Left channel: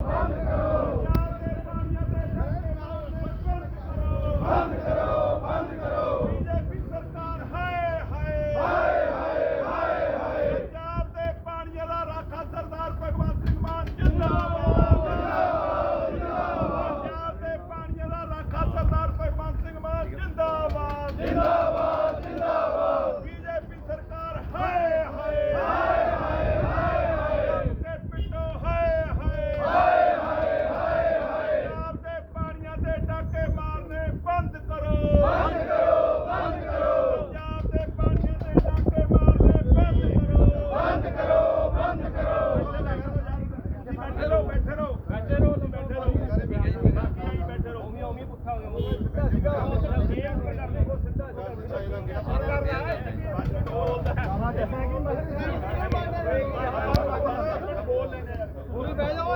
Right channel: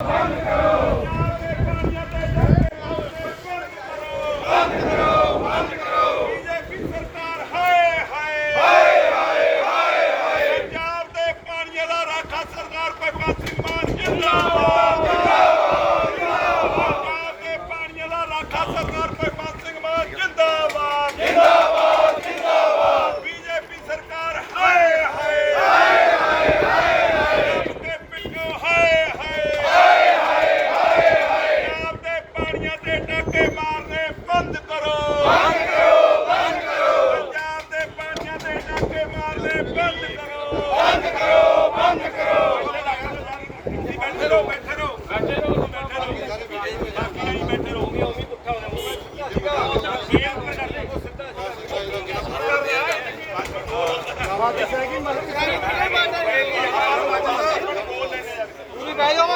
Thank you.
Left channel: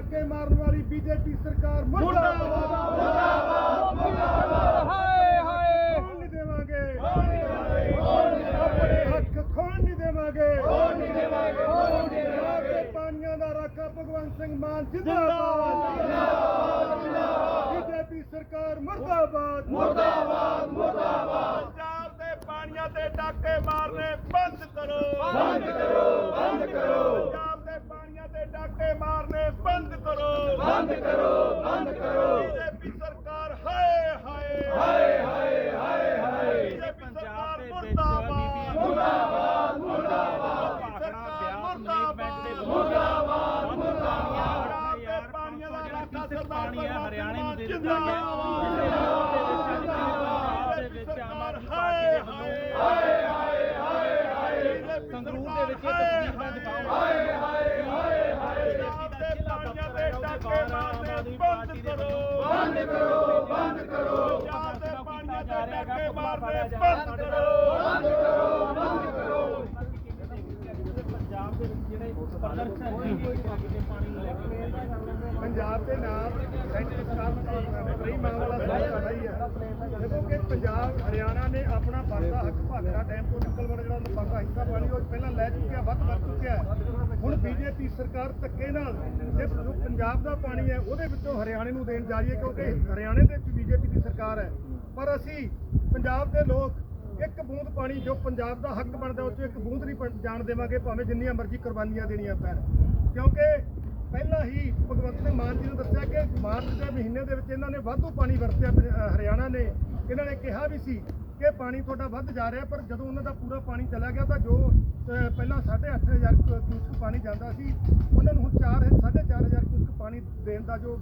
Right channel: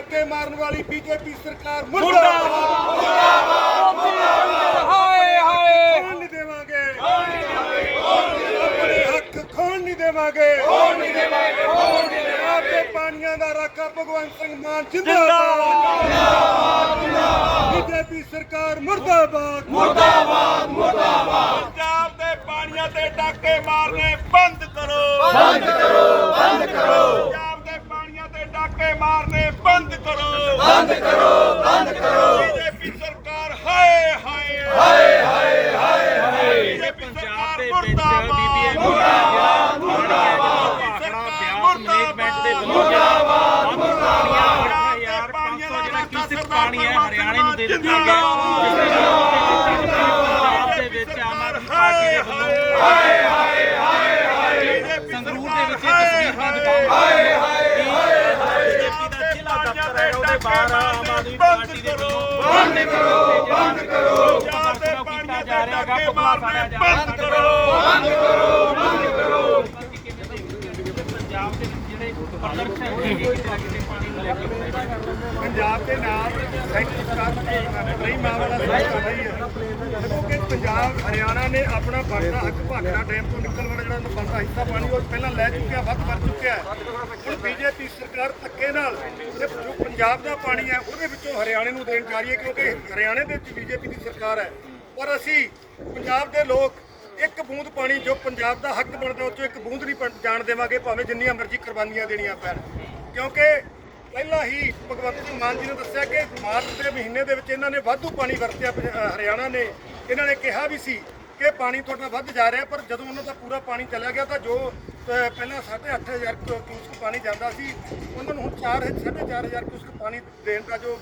ਡਾਕੇ ਮਾਰਨ ਵਾਲੀ BJP ਸਰਕਾਰ ਭਗਵੰਤ ਸਿੰਘ ਮਾਨ ਜਿੰਦਾਬਾਦ ਬੀਜੇਪੀ ਸਰਕਾਰ ਮਰਦਾਬਾਦ ਮਰਦਾਬਾਦ ਮਰਦਾਬਾਦ ਪੰਜਾਬ ਦੇ ਪਾਣੀਆਂ ਤੇ ਡਾਕੇ ਮਾਰਨੇ ਬੰਦ ਕਰੋ ਬੰਦ ਕਰੋ ਬੰਦ ਕਰੋ ਬੰਦ ਕਰੋ ਬੰਦ ਕਰੋ ਬੰਦ ਕਰੋ ਬੀਜੇਪੀ ਸਰਕਾਰ ਹਾਏ ਹਾਏ ਹਾਏ ਹਾਏ ਹਾਏ ਹਾਏ ਬੀਜੇਪੀ ਸਰਕਾਰ ਮੁਰਦਾਬਾਦ ਮੁਰਦਾਬਾਦ ਮੇਰੇ ਸਰਕਾਰ ਦੇ ਮੁਰਦਾਬਾਦ ਮੁਰਦਾਬਾਦ ਯਾਰ 500 ਜਿਹੜਾ ਕਿਸੇ ਪਾਣੀ ਹੈ ਹਰਿਆਣੇ ਨੂੰ ਦੇ ਦਿੱਤਾ ਹਾਏ ਹਾਏ ਹਾਏ ਹਾਏ ਸੰਗਰੂਰ ਦੇ ਵਿੱਚ ਇੱਕ ਤਸਵੀਰ ਹਾਂ ਦਿਖਾਓ ਰੱਖੇ ਮਾਰਾ ਪਾਰਟੀ ਦੇ ਵਿੱਚੋਂ ਬੰਦ ਕਰੋ ਬੰਦ ਕਰੋ ਜਾਂ ਤੇ ਪਾਣੀ ਦੇ ਡੱਕੇ ਮਾਰਨੇ ਬੰਦ ਕਰੋ ਬੰਦ ਕਰੋ ਪੰਜਾਬ ਦੇ ਨਾਲ ਕਈ ਮਾਮਲਾ ਸਹੀ ਹੈ ਦੇਖੋ ਕਿ ਪੰਜਾਬ ਹਰਿਆਣਾ ਨੇ ਆਪਣਾ ਬਾਕੀ ਹੱਕ ਭਾਕੜਾ ਡੈਮ ਤੋਂ ਨਿਕਲਵਾਣਾ ਜਿਹੜਾ ਉਹਨੂੰ ਬਾਕੀ ਹਿੱਸਾ ਪਾਣੀ ਉਹ ਪਹਿਲਾਂ ਲੈ ਚੁੱਕਿਆ ਵੱਧ ਕਰ ਚੁੱਕਿਆ ਹੁਣ ਬੀਜੇਪੀ ਸਰਕਾਰ ਥੱਕੇ ਨਾਲ ਸਿਰਫ ਜੋ ਪੰਜਾਬ ਦਾ ਪਾਣੀ ਹੈ ਉਹਦੇ ਵਿੱਚੋਂ ਹਰਿਆਣੇ ਨੂੰ ਦੇਣ ਜਾ ਰਹੀ ਹੈ ਕਿਉਂਕਿ ਹਰਿਆਣੇ ਦੇ ਵਿੱਚ ਬੀਜੇਪੀ ਦੀ ਸਰਕਾਰ ਹੈ ਪਰ ਅਸੀਂ ਪੰਜਾਬ ਦੇ ਲੋਕ ਇੱਕ ਬੂੰਦ ਪਾਣੀ ਜੋ ਪੰਜਾਬ ਦਾ ਹੱਕ ਬਣਦਾ ਉਹ ਚੋਂ ਇੱਕ ਬੂੰਦ ਨਹੀਂ ਜਾਣ ਦੇਵਾਂਗੇ ਭਾਵੇਂ ਜਿੰਨੀਆਂ ਮਰਜ਼ੀ ਕੁਰਬਾਨੀਆਂ ਦੇਣੀਆਂ ਪੈਣ ਕਿਉਂਕਿ ਪਹਿਲਾਂ ਹੀ ਭਗਵੰਤ ਸਿੰਘ ਮਾਨ ਜੀ ਨੇ ਦੱਸਿਆ ਕਿ ਮਾਰਚ ਦੇ ਮਹੀਨੇ ਦੇ ਵਿੱਚ ਇਹਨਾਂ ਨੇ ਵਾਧੂ ਪਾਣੀ ਵਰਤਿਆ ਹਰਿਆਣਾ ਨੇ ਇਹਨਾਂ ਨੇ ਕਿਹਾ ਵੀ ਸੀ ਕਿ ਪਾਣੀ ਤੁਹਾਡਾ ਵੱਧ ਜਾ ਰਿਹਾ ਪਰ ਜਦੋਂ ਉਹਨਾਂ ਦਾ ਪੂਰਾ ਪਾਣੀ ਚਲਿਆ ਗਿਆ ਤਾਂ ਜੋ ਪਹਿਲਾਂ 8000 ਕਿਊਸਕ ਪਾਣੀ ਜਾਂਦਾ ਸੀ ਉਹਨਾਂ ਨੂੰ ਹੁਣ 4 4000 ਕਿਊਸਕ ਪਾਣੀ ਦੇਣ ਦਾ ਜੋ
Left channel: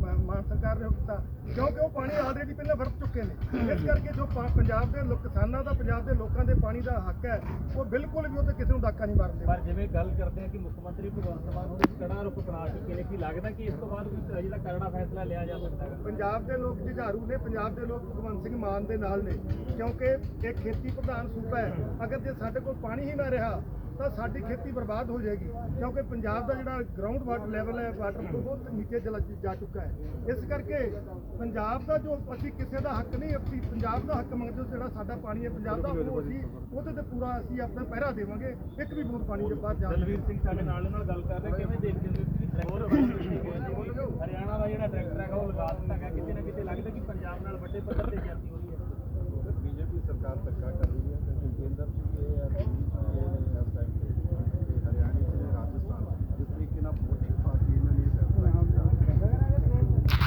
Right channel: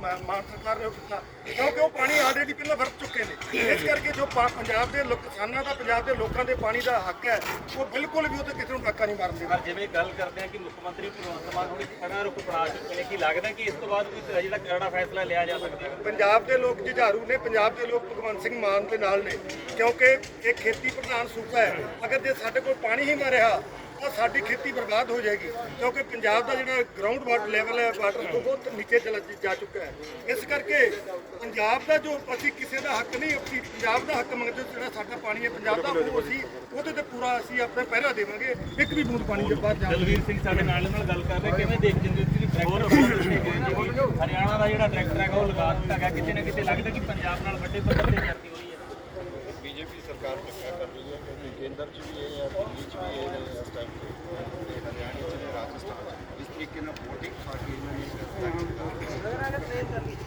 ਮਾਨ ਸਰਕਾਰ ਨੇ ਕੀਤਾ ਕਿਉਂਕਿ ਉਹ ਪਾਣੀ ਆਲਰੇਡੀ ਪਹਿਲਾਂ ਵਰਤ ਚੁੱਕੇ ਨੇ ਇਸ ਕਰਕੇ ਜੋ ਪੰਜਾਬ ਦੇ ਕਿਸਾਨਾਂ ਦਾ ਪੰਜਾਬ ਦੇ ਲੋਕਾਂ ਦੇ ਪਾਣੀ ਦਾ ਹੱਕ ਹੈ ਉਹ ਬਿਲਕੁਲ ਵੀ ਉਹ ਕਿਸੇ ਨੂੰ ਡਾਕਾ ਨਹੀਂ ਮਾਰਨ ਦੇ ਪਰ ਜਿਵੇਂ ਗੱਲ ਕਰਦੇ ਆ ਕਿ ਮੁੱਖ ਮੰਤਰੀ ਭਗਵੰਤ ਮਾਨ ਹੁਣ ਖੜਾ ਰੁਕ ਬਣਾ ਚੁੱਕੇ ਨੇ ਕੀ ਲੱਗਦਾ ਕਿ ਇਸ ਤੋਂ ਬਾਅਦ ਵੀ ਜਿਹੜਾ ਕਰਨਾ ਫੈਸਲਾ ਲਿਆ ਜਾ ਸਕਦਾ ਹੈ ਪੰਜਾਬ ਦੇ ਲੋਕ ਜਿਝਾਰੂ ਨੇ ਪੰਜਾਬ ਦੇ ਲੋਕ ਭਗਵੰਤ ਸਿੰਘ ਮਾਨ ਦੇ ਨਾਲ ਨੇ ਕਿਉਂਕਿ ਇਹ ਖੇਤੀ ਪ੍ਰਧਾਨ ਸੂਬਾ ਹੈ ਅਗਰ ਜੇ ਸਾਡੇ ਕੋਲ ਪਾਣੀ ਹੀ ਨਾ ਰਿਹਾ ਤਾਂ ਸਾਡੀ ਖੇਤੀ ਬਰਬਾਦ ਹੋ ਜਾਏਗੀ ਕਿਉਂਕਿ ਪੰਜਾਬ ਦਾ ਜਿਹੜਾ ਗਰਾਊਂਡ ਵਾਟਰ ਲੈਵਲ ਹੈ ਵਾਟਰ ਬਹੁਤ ਨੀਚੇ ਚਲਾ ਜਾ ਚੁੱਕਾ ਹੈ ਇਸ ਕਰਕੇ ਪੰਜਾਬ ਦਾ ਜੋ ਅਸੀਂ ਕਿਸੇ ਦਾ ਹੱਕ ਨਹੀਂ ਅਸੀਂ ਪੰਜਾਬ ਦਾ ਹੱਕ ਮੰਗਦੇ ਹਾਂ ਜਿਹੜਾ ਸਾਡਾ ਪਾਣੀ ਹੈ ਪੰਜਾਬ ਦਾ ਉਹ ਅਸੀਂ ਉਹਦੇ ਤੇ ਪੂਰਾ ਅਸੀਂ ਆਪਣੇ ਪਹਿਰਾ ਦੇਵਾਂਗੇ ਇੱਕ ਵੀ ਬੂੰਦ ਪਾਣੀ ਦੇ ਬਾਅਦ ਜਾਵਾਂਗੇ ਦਲਵੀਰ ਸਿੰਘ ਸਾਡੇ ਨਾਲ ਨਾਲ ਗੱਲ ਕਰ ਰਹੇ ਕਿਵੇਂ ਦੇਖ ਹੋ ਸੀ ਟਰੈਕਟਰ ਹਰਿਆਣਾ ਦਾ ਜਿਹੜਾ ਟਰੈਕਟਰ ਹੈਗਾ ਉਹ ਲਗਾ ਦਿੱਤਾ ਹੈ ਕਿਤੇ ਨਾ ਕਿਤੇ ਲੱਗਦਾ ਕਿ ਪੰਜਾਬ ਨਾਲ ਵੱਡੇ ਪੱਧਰ ਤੇ ਜਾਂਦੀ ਸਰਕਾਰ ਧੱਕਾ ਕਰ ਰਹੀ ਹੈ ਕਿਉਂਕਿ ਕੇਂਦਰ 'ਚ ਵੀ ਇਹ ਹੈ